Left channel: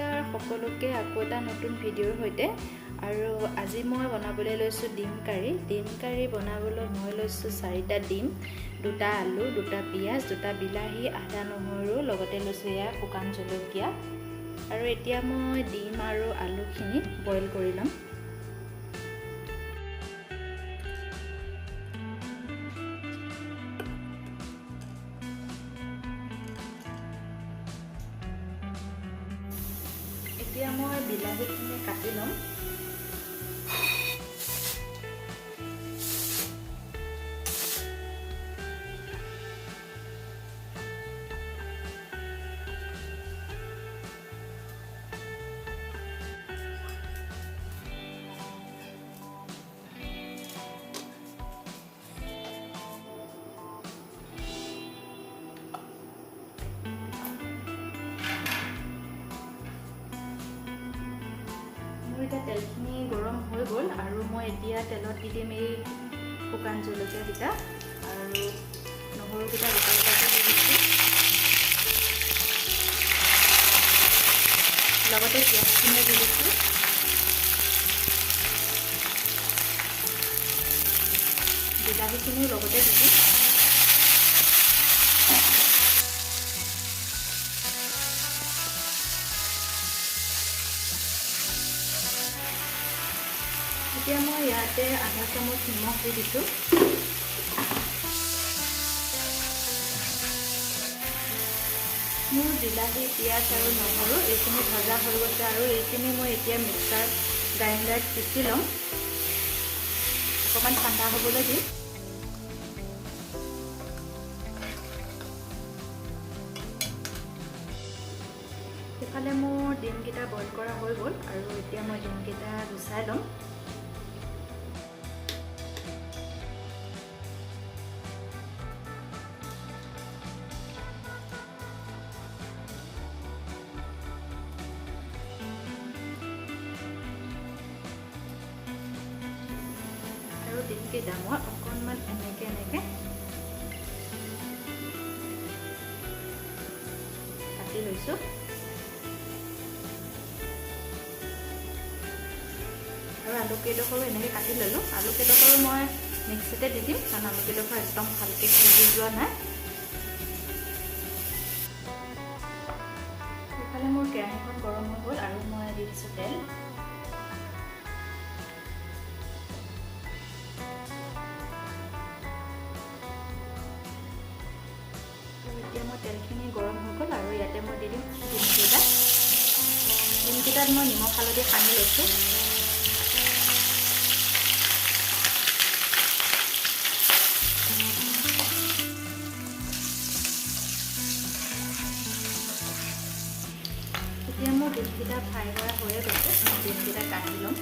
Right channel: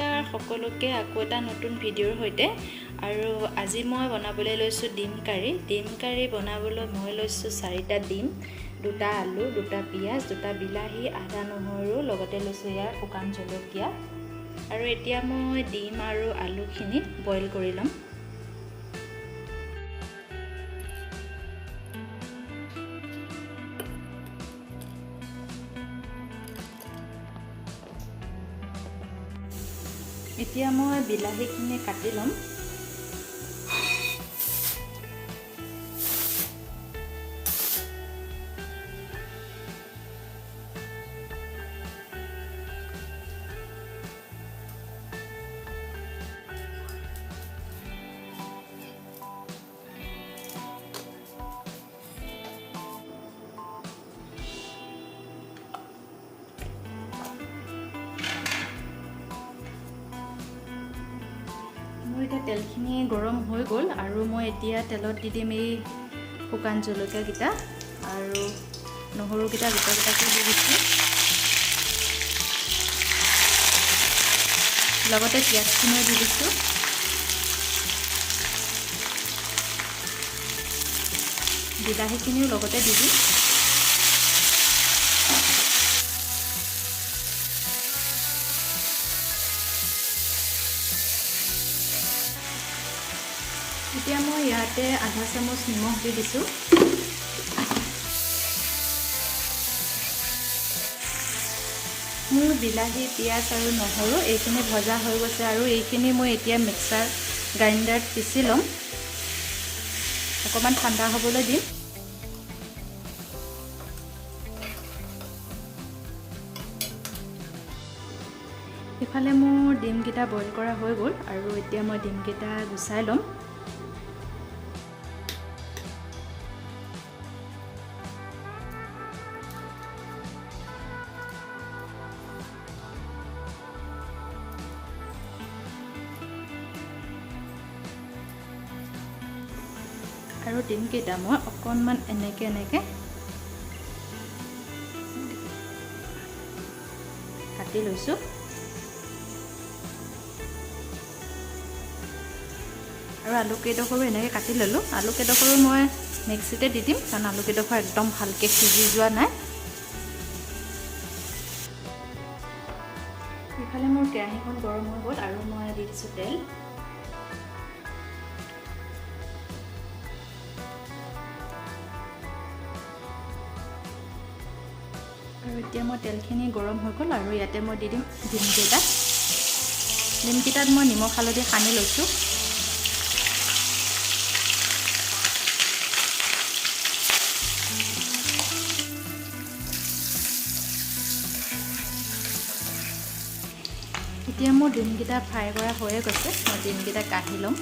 নমস্কাৰ সকলোকে আকৌ এটা নতুন ভিডিঅ'ৰ সৈতে আৰু আজি মই বনাবলৈ লৈছো ডিম কাৰি বনাবলৈ মই লৈছো 4টা ডিম 2টা আলু 2টা পিয়াজ 2টা বিলাহী আদা নহৰু লগতে লৈছো ইয়াৰ শুকান জলকীয়া আৰু এতিয়া মই ডিম আৰু আলুখিনি বইল কৰি লম এতিয়া মই বিলাহীখিনি কাটি লম এতিয়া তেলখিনি গৰম হৈ গ'ল আৰু মই এতিয়া তেলত দি দিম এই শুকান জলকীয়া কিটা আৰু নহৰু কিটা গোটাকে দি দিছো লগতে পিয়াজখিনি দি দিছো বিলাহীখিনি লগতে দি দিম এতিয়া মই ইয়াতে আধা চামুচ নিমখ দি দিছো মোৰ বিলাহী পিয়াজ আৰু নহৰু এইখিনি ভজা হৈ গৈছে আৰু এইখিনি মই এতিয়া মিক্সাৰ গ্ৰাইণ্ডাৰত পিচি লম অকমান ঠাণ্ডা হ'বলৈ দিম ইফালে মোৰ ডিমকেইটা বইল কৰা হৈ গ'ল আৰু এতিয়া মই ডিমকেইটা গুচাই লম আৰু ডিমকেইটা মই অকণমান এনেকে কাটি লৈছো আৰু আলু কেইডোখৰো এনেকে কাটি ললো আলু কেইডোখৰো মই মিক্সিতে দি দিম কাৰণ আলু কেইডোখৰ একদম ভালকে সিজি যোৱা নাই ইফালে মোৰ কেৰাহীখন গৰম হৈ গ'ল আৰু মই দি দিছো তেল আৰু এতিয়া মই তেলখিনি গৰম হৈ গ'ল আৰু ইয়াতে মই দি দিম ডিমকেইটাত মই নিমখ হালধি সানি লৈছো এতিয়া মোৰ ডিমকেইটা ফ্ৰাই কৰা হৈয়ে গৈছে মই ডিমকেইটা কাঢ়ি ল'ম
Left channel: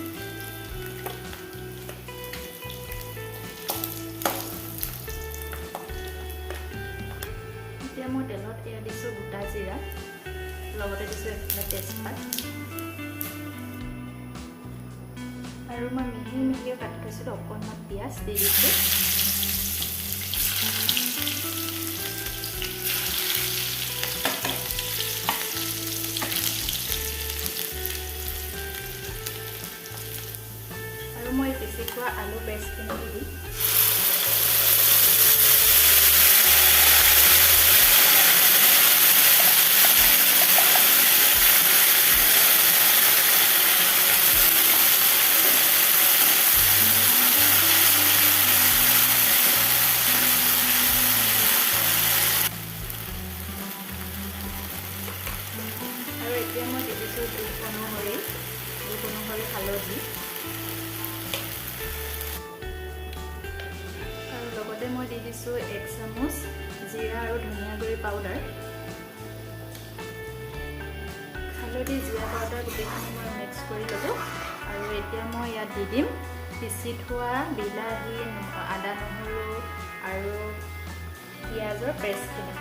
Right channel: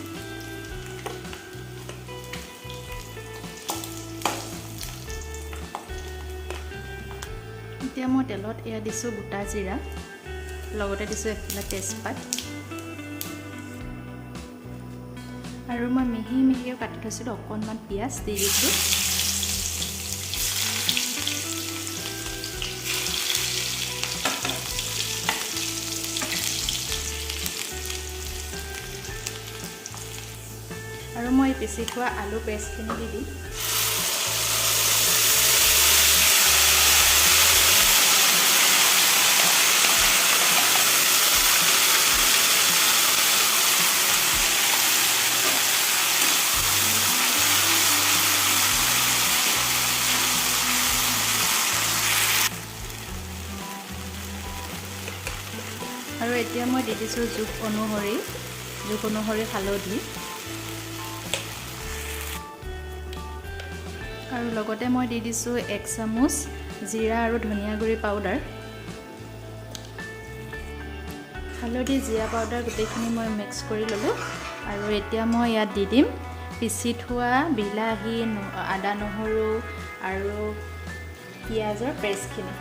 এতিয়া মই তেলত এয়া দিছোঁ গোটা জিৰা লগতে দিছোঁ এফালে তেজপাত আৰু মই মিহিও কাটি থৈছিলোঁ অকণমান পিঁয়াজ দি দিছোঁ আৰু মই পিচি থোৱা আলু পেষ্টখিনি দি দিম আৰু এতিয়া মই দি দিছোঁ জোখ অনুসৰি হালধি আৰু লগতে মই দি দিছোঁ 1 চামুচ জিৰা আৰু ধনিয়া গুড়ি পাউডাৰ হালধি জিৰা পাউডাৰ গোটেইখিনি মই মিক্স কৰি ল'লোঁ আৰু এতিয়া মই ইয়াত দি দিম পিচি থোৱা বিলাহী আদা নহৰু আৰু পিঁয়াজৰ পেষ্টখিনি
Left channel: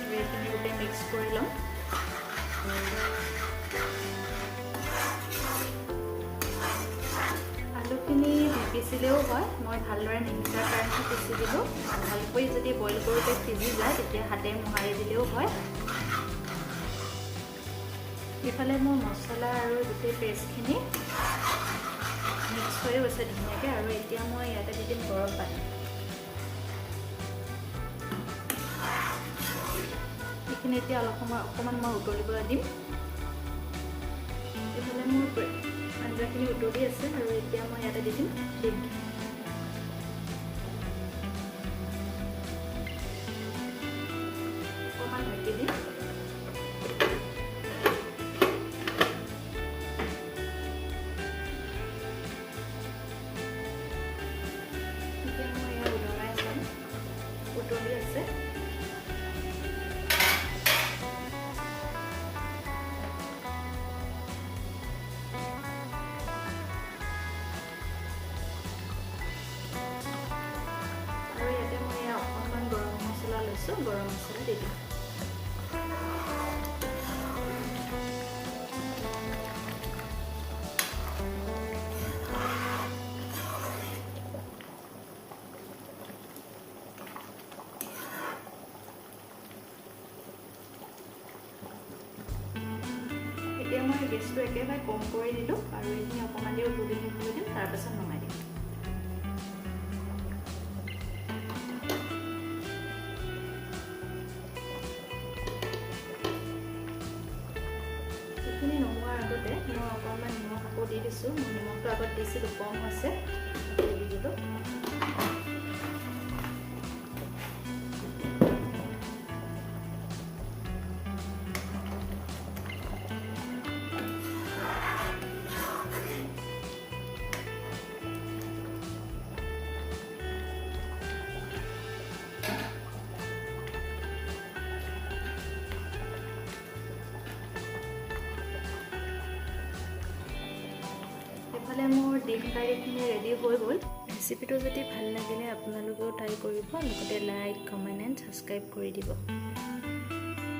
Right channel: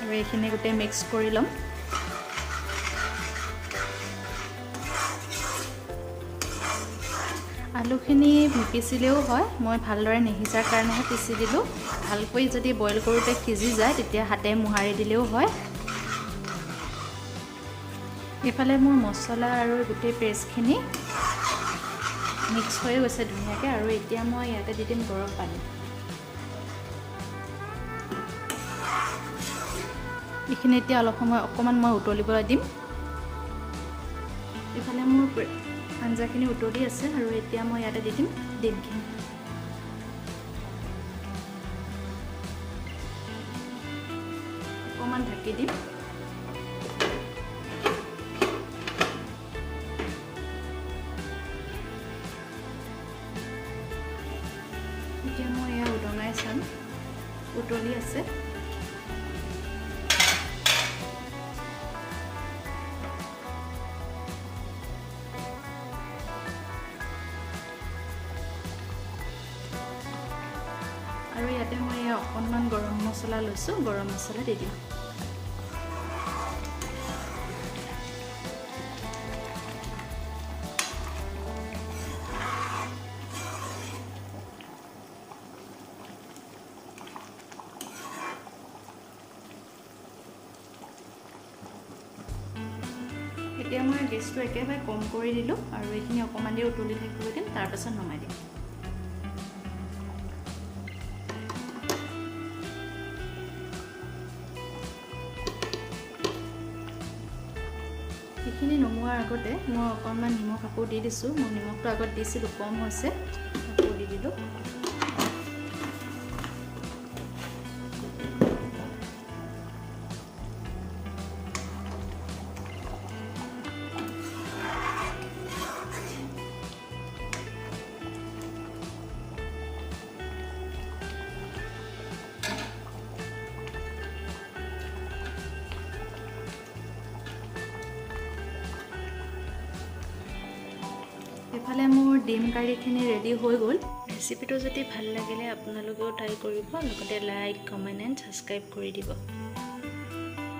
আৰু এইখিনি গোটেই মিক্স কৰি ল'ম আলুখিনি নিপিচিলেও হয়, মই ভালদৰে নিসিজাৰ কাৰণে পিচি দিলোঁ। ভালকৈ যদি বইল কৰোঁতে সিজি যায় তেতিয়া হাতে মোহাৰি দিলেও হয়। এইফালে মোৰ মছলা আৰু গোটেই পেষ্টখিনি মিক্স হৈ গৈছে ধুনীয়াকৈ। আৰু এতিয়া মই ইয়াতে দি দিম গৰম পানী। এইখিনি এতিয়া অলপ সময় অকণমান মই উতলিবলৈ দিম। এইফালে মোৰ আঞ্জাখিনি উতলি আছে আৰু এতিয়া মই ইয়াতে দি দিম ডিমখিনি। অকণমান ঢাকি দিম। এতিয়া মই এয়া উতলাই চাম, উতলি আছে। আৰু ইয়াতে মই অকণমান গৰম মছলা লৈছোঁ, গৰম মছলা দি দিম। এতিয়া মই গেছটো একেবাৰে কম কৰি দিলোঁ আৰু এইখিনি অকণমান দেৰি উতলি থাকিবলৈ দিম, তাৰপিছত নমাই দিম। এইখিনি নমোৱাৰ আগতে মই অকণমান নিমখ আকৌ দি দিছোঁ। মই নিমখটো আগত দিছিলোঁ, কম হৈছে, আকৌ দি দিলোঁ। এইফালে মোৰ ডিম কাৰীখিনি ৰেডি হৈ গ'ল। ৰেচিপিটো যদি ভাল লাগিলে আপোনালোকেও ট্ৰাই কৰিব, লগতে লাইক, কমেণ্ট এণ্ড ছাবস্ক্ৰাইব কৰি দিব।